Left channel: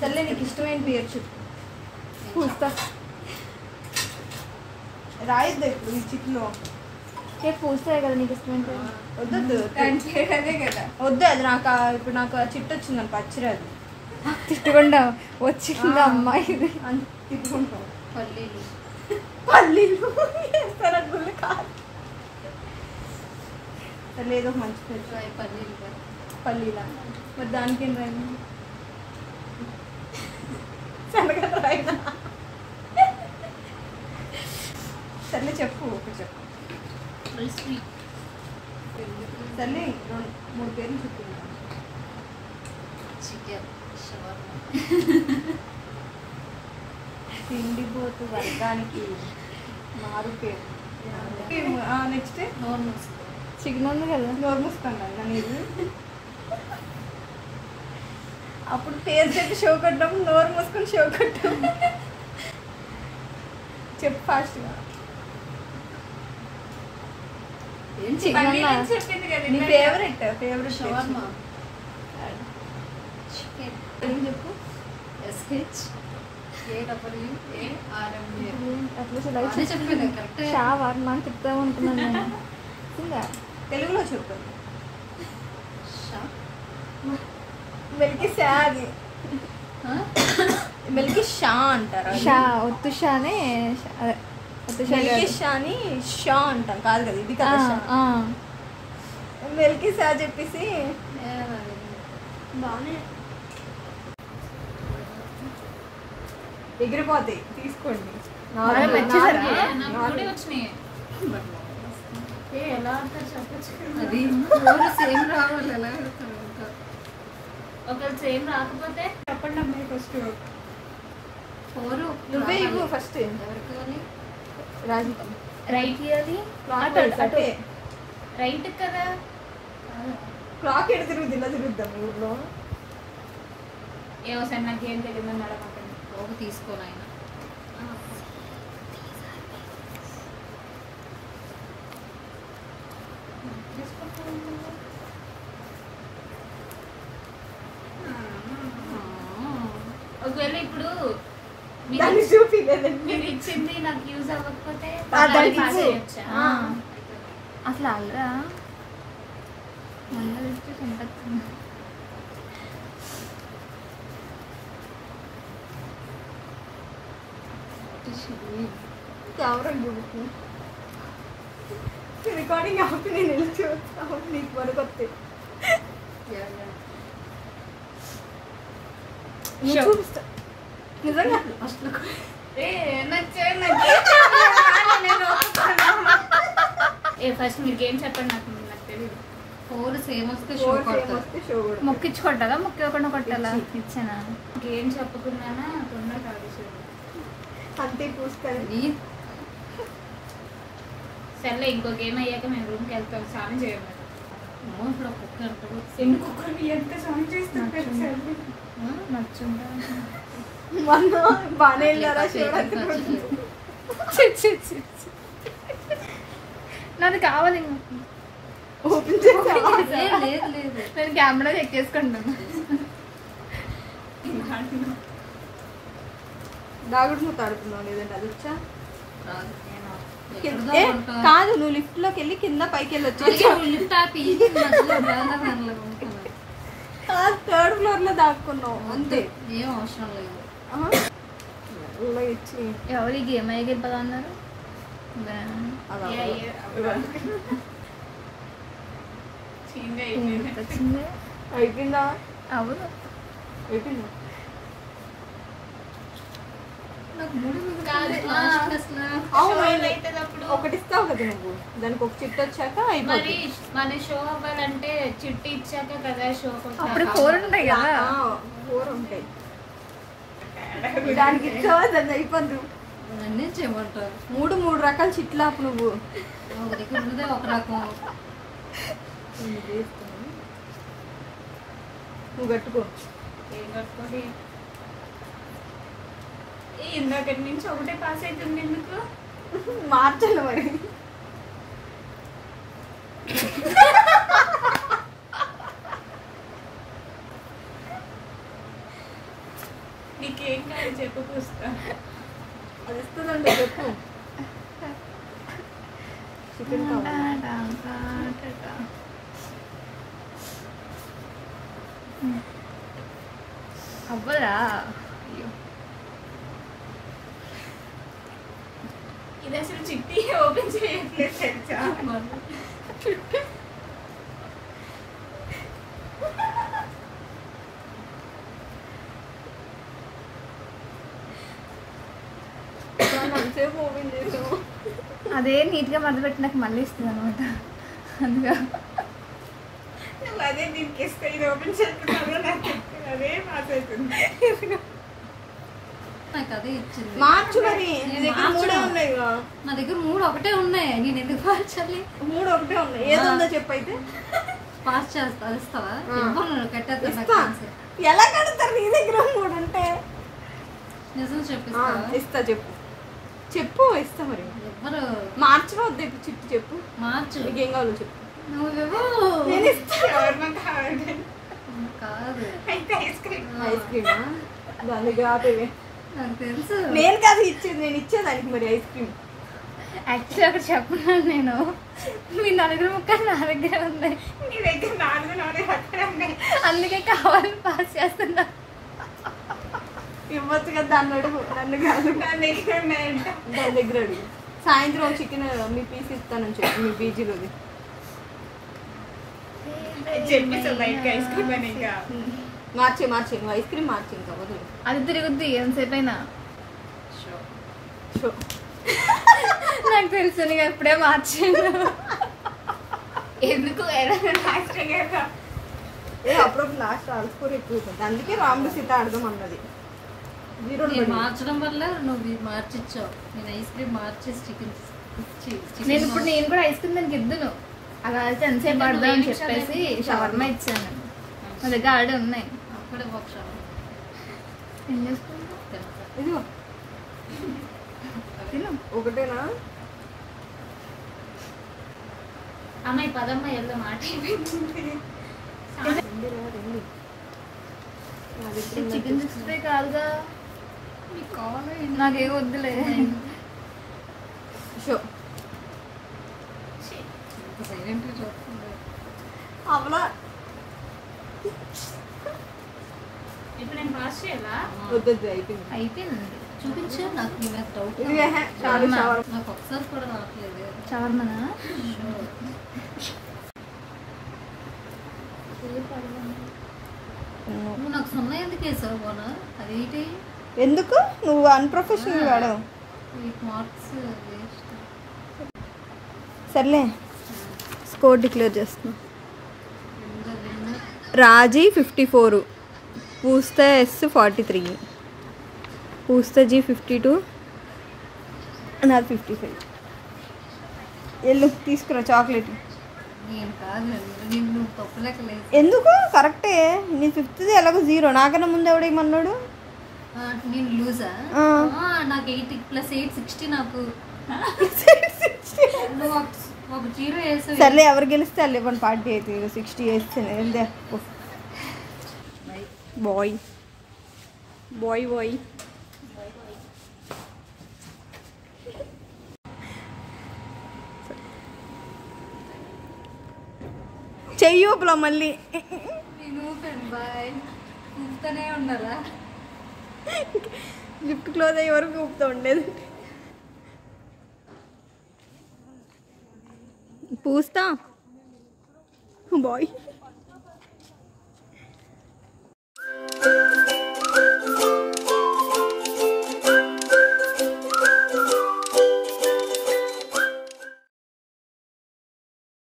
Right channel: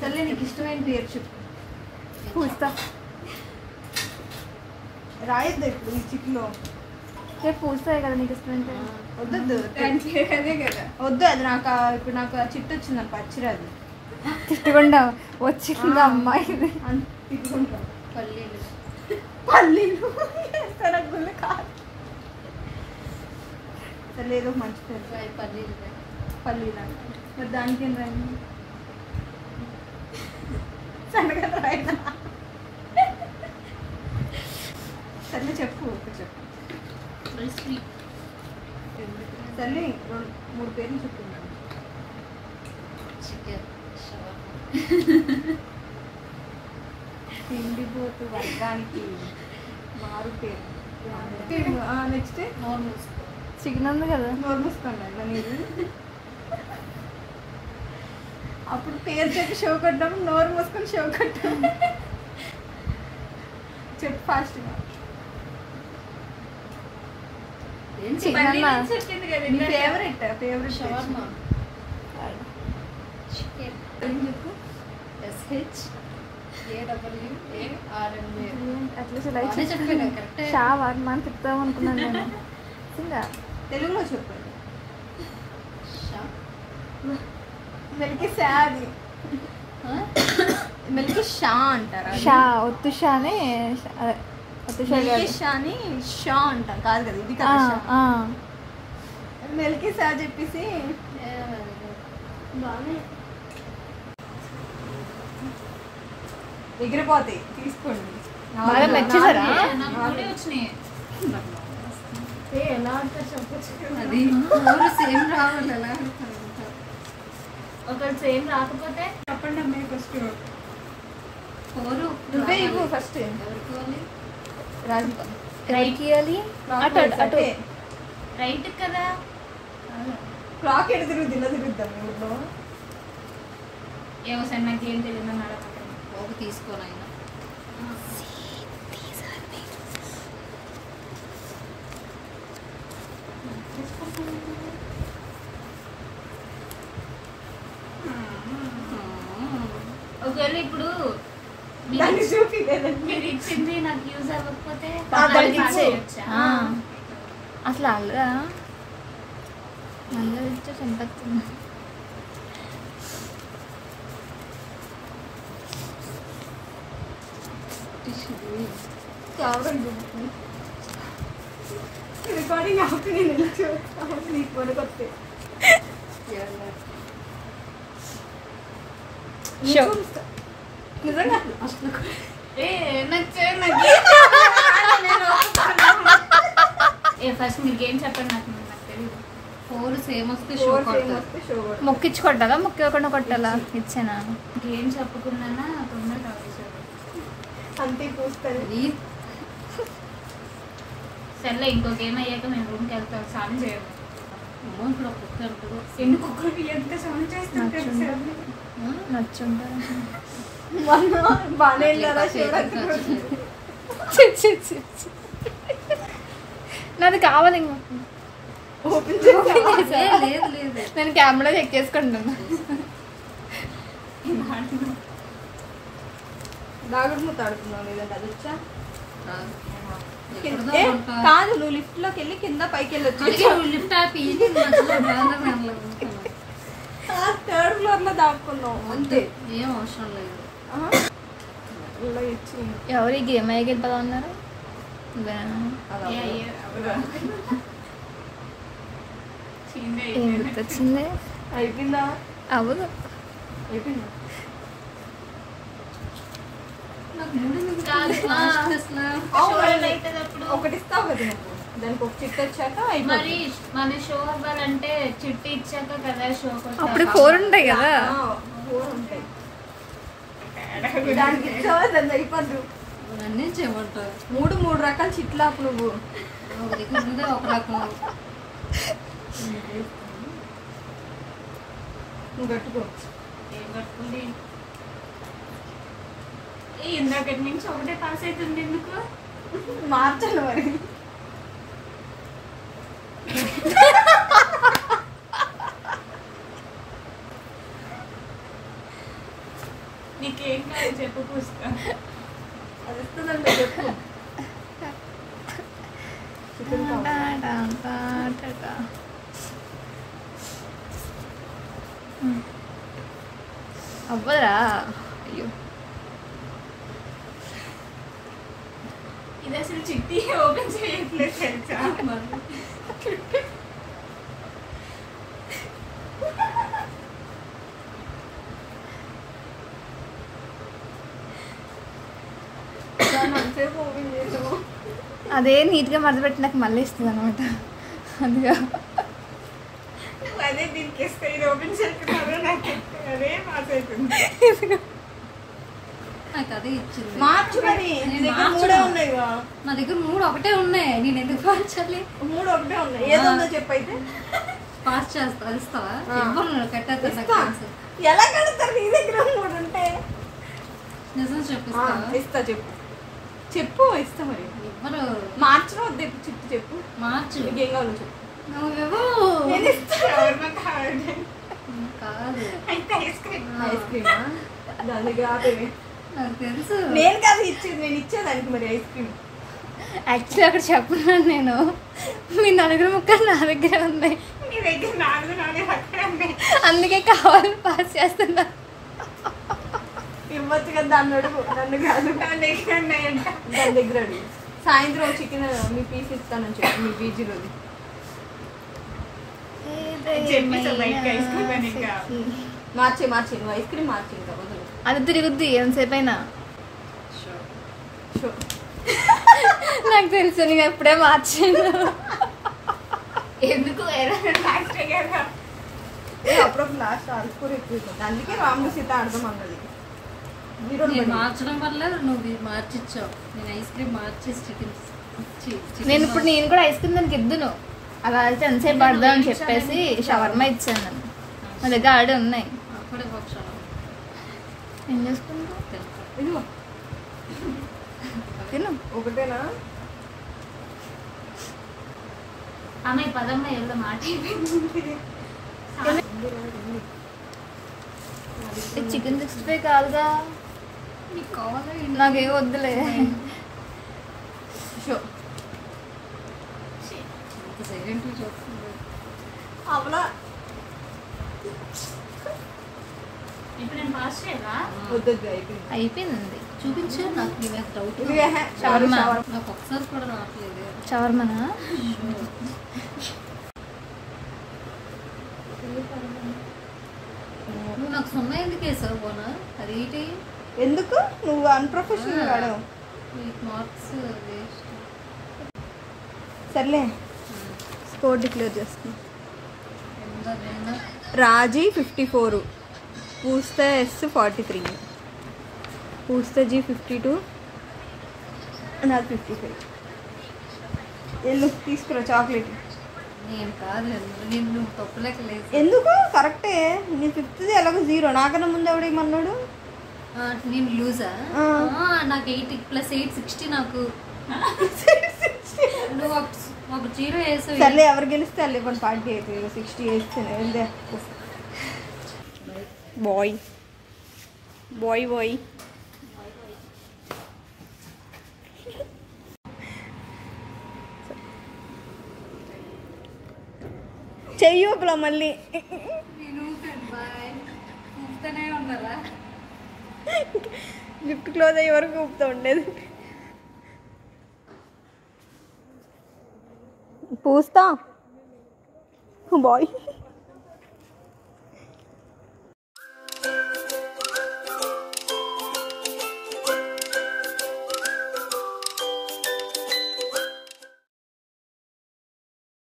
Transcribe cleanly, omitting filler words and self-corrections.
సర్లే నీకు ఇష్టమైన పేరు చెప్పు. పూస్తా రాయొద్దు ఇప్పుడు ఈ చిట్లో. పూస్తాయి కదా నీకు ఇష్టమైన పేరు. వద్దొద్దు వద్దు, అది నాకు ఇప్పుడు నాకు చిట్టు వచ్చింది పచ్చిరాది. తిట్టుకుండా వచ్చింది అమ్మాయి ఇది తిట్టుకుంటాం. పల్లీలు పల్లీలు గుళ్ళు కాదు. సరే ఏదో మంచి పేరు. పల్లీలు పల్లీలు అంట. మరి దానికి ఏం రాయి? శనగలు రాయినా? సర్లే చెప్పు, ఒకటి చెప్పు. సర్లే 2-3 పేర్లు చెప్తున్నాను. చికెన్ షవర్మా తిండిపోతు వర్గానికి మారు పేరు. నెక్స్ట్ చికెన్ ఉంది కదా. నోరు మూసుకోండి అన్న నీది. అప్పుడు పేరు చెప్పి షో కొట్టాము, నోరు మూసుకొని షో కొట్టాము. చెప్పు ఫాస్ట్గా. చికెన్ అన్న నీ ఫేవరెట్ షవర్మా చికెన్ ఏం చెప్పు. షవర్మా అని చెప్తాం అనుకున్నాను నేను. తెలుగులో చెప్పు. మిల్కీ షా, అది మిల్కీ షా అంటారా? షా ఒత్తు షానే అదే ఒత్తు షా మిల్కీ షాని షా అంటాం కాదు కదా, ఇది కదా షా. మిల్కీ షా చెప్పేసి బాగానే ఎగిరిపోతాయి, తీసుకోండి. బాగా నచ్చేసారా? ఎలా ఆడతారు చెప్పచ్చు. అది సేమ్ రావాలి. ఎలా ఆడతారు ఒకరు సేమ్ రాకపోతే చెప్పండి అమ్మాయి. ఫస్ట్ నువ్వే ఇవ్వు ఫస్ట్. ఎవరికి రాజిత రైట్ ఇవ్వాలి. అటే రైట్ కదా. క్లాక్ ఎడ తిరుగుద్ది, ఇలా తిరుగుద్దాం ఊళ్ళో. ఏమో సార్ నాకేం తెలియదు మేడం. ఒక తీసుకోవాలి. ఒకవేళ ఇప్పుడు మీరు ఇచ్చింది నాకు యూజ్ అవ్వకపోతే అసలు అల్లరా అందరూ ఇచ్చే సంపత్తి. రికార్డింగ్ ఆపి నేను నిలిచి నీకు పడుకొస్తే నిజంగా అసలు ఫస్ట్ మీరు గేమ్ చెప్పండి. నాకు తెలియదు. 4 సేమ్ వస్తే షో మొక్కించుకుంటారా? మొక్కకుండా కొట్టాలా? ఇచ్చానా? గేమ్ చెప్పకున్నానా తొందర కాదు అంతే పూస్తుంది. సర్లే ఇంకో గేమ్ అయ్యాక మేము రూమ్కి వెళ్తాం. సౌండ్ చేయండి. ఇప్పుడు కుక్కర్ ఎందుకు కుక్కర్ ఎంత సౌండ్ చేస్తారు? నచ్చుంటా బాగానే నాది కావాలి. ఓపెన్ లేదు లేదు నేను కెమెరా చెక్ చేసుకుంటాను. దాగుడు నువ్వు తాడుతున్నావు లేదంటే అది వచ్చా కాదు. నువ్వు లిఫ్ట్ లోకి వెళ్ళి కింద పైకి వెళ్ళొచ్చు. థర్డ్ ఫ్లోర్ లో దాక్కున్నావు అంతే. ఏం అవసరం లేదు. ఎవరి గేమ్ అయిపోదా అన్నారు. వచ్చింది అయిపోయిందా? అవును అయిపోయింది. ఒకటి ఇస్తావు కదా నువ్వు, దానికి ఒక చిట్టు వచ్చాక మరి మన షో అవ్వాలంటే చిట్టి ఇచ్చాక కదా షో. అప్పుడు 4 ఉంటాయి కదా. 4 ఉంటాయి. దానికి ఇచ్చావా దాన్ని అయిపోద్దు. అన్నీ చేయమంటారు. 3 రకాల చిట్లు ఆపు నువ్వు. ఒక రకం నువ్వు కట్టుకో. ఏం కట్టుకోండి. ఇందాక నుంచి ఒకటే పాస్ అవుతుంది. ఎందుకు మార్చండి మరి. చెప్పు పూస్తా. అది ఇస్తుందంట చెప్పు. చికెన్ అవ్వరా? అయ్యో ఇది అసలు చిట్టి ఓపెన్ చేయట్లేదు తెలుసా? సేపు ఓపెన్ చేసాము. అదే నీట్గా మడతపెట్టి నాకు మళ్ళీ ఇస్తుంది అనమాట. అందుగా నువ్వు అదే దీనికి ఇస్తే ఇది ఓపెన్ చేస్తున్నారు. నాకు అదే పాస్ అవుతుంది. నాకు అదే ఇచ్చింది. మార్చు మరి. నీ దగ్గర 3 ఉన్నాయి. నా దగ్గర 3 ఒకటే ఉన్నాయి. నేను ఎందుకు మార్చాలి? 3 ఒకటే ఉన్నాయి. ఏదో ఉందో చెప్పు అయితే. పాస్ చేస్తా ఇస్తావా? కట్టేస్తా. ఇస్తా. ఎలా కడతారు నీ దగ్గర 3 ఉంటే? నిజం చెప్పిస్తావా? ఇస్తా చెప్పు. చెప్పు ఇస్తా మరి. ఎవరు మార్చిలో వద్దు చిట్టి చెప్పు. మార్చు. నీకేం కావాలి చెప్పు. నువ్వెవో నేను ఇస్తా. ఎవరిమంతా ఆవిడ. కాదు. అయితే ఐస్ క్రీమ్. ఐస్ క్రీమా? దాన్ని కాదేవి. నాకు తెలుసు. నేను కాదు ఇచ్చేది. నేను ఇచ్చేదానికి మరి ఐస్ క్రీమ్. యాక్చువల్లీ అక్కడ చెప్తున్నాను నేను. మీ 4 ముక్కలు నా దగ్గర ఉన్నాయి. నీ దగ్గర 4 అక్కడే ఉన్నాయి. అందుకే కావాలని పాస్ చేస్తున్నా. ఇవ్వచ్చు కదా దాన్ని అడుగు. నన్ను కాదు. నా దగ్గర ఉన్నాయంట. దాని దగ్గర అడుగు. సాయంత్రం చికెన్ మీ పీస్ ఇస్తానని చెప్పి మీ పీజీలోది. చెప్పేసా బయటకి ఐస్ క్రీమ్ అని. ఇంకా మార్చి నువ్వు ఐస్ క్రీమ్ మార్చి ఇంకా వదిలేదు. అది తిరుగుద్ది ఎంతసేపు అయినా. షో నాకు తెలుసు నీకు ఎప్పుడే మార్చాను. ఎందుకు లాస్ట్ కదా. అప్పుడప్పుడు లాస్ట్ ఆడుకోరు ఎక్కువ. అందుకే రాముడు సీత ఆడదాం అన్నది. నేను మార్చడం వల్ల నువ్వు మార్చిచ్చావు. నేను ఐస్ క్రీమ్ మార్చేసి చికెన్ నేను కూడా ఐస్ క్రీమ్ దానికి ఇద్దును. అలా అయితే ఎంతసేపు పడదాం అని చెప్పేసి షవర్మా ఇచ్చాను. నా దగ్గర ఆడే ఉన్నాయి. అప్పుడే ఏం చేసుకుంటా ఇదిగో తిను. ఒకటేనా? అమ్మాయి పదమ్మ ఎలా మాట చికెన్ 65 కాదుగా. మీకు కావాలా? నాకేం వద్దులే. షో సైలెంట్గా చూస్తుంది. అవలా ఇప్పుడు నేను పాస్ చేయాలా? వద్దొద్దు అయిపోయింది. అయిపోయింది. చూపించు. నాకు నీ మీద డౌట్. ఇదిగో షవర్మా. నాకు ఒకసారి కూడా రావట్లేదు. షవర్మానా? నువ్వు నాకు సున్నా ఎందుకు వేసావు పోనా? అది ఏంటి? ఎందుకు నువ్వు అన్ప్రొఫెషనల్ వాడావు. Marks waste. సర్లే స్కోర్ డిక్లేర్ చేస్తుంది. రాజీ 54, పూస్తా ఎస్ 43, పూస్తా జీ 52, నాది 55. ఎల్లు తీసుకురా చాక్లెట్. నేను కాదు. నేను తప్పులేక లేదు. ఎందుకు కరెక్టే. నీ 5th ఎలాగో 0. నాకన్నా ముందు ఎవడేమన్నాడు? నేను లూజా? నాకు 8 + 8 60. నాకు నువ్వు ఒక 0 వేసావు. సర్లే ఎవరు గెలిస్తే వాళ్ళు ఇవ్వండి పార్టీ అయితే. 60 వేస్తేనే వెళ్దే. Bye bye bye. చెయ్యూపులో మళ్ళీ నేను బాయ్ ఊపుతూనే ఉన్నారా? గిఫ్ట్ క్లోజ్ అయ్యే వరకు ఊపుతూ ఉండేది. పూస్తా బాయ్.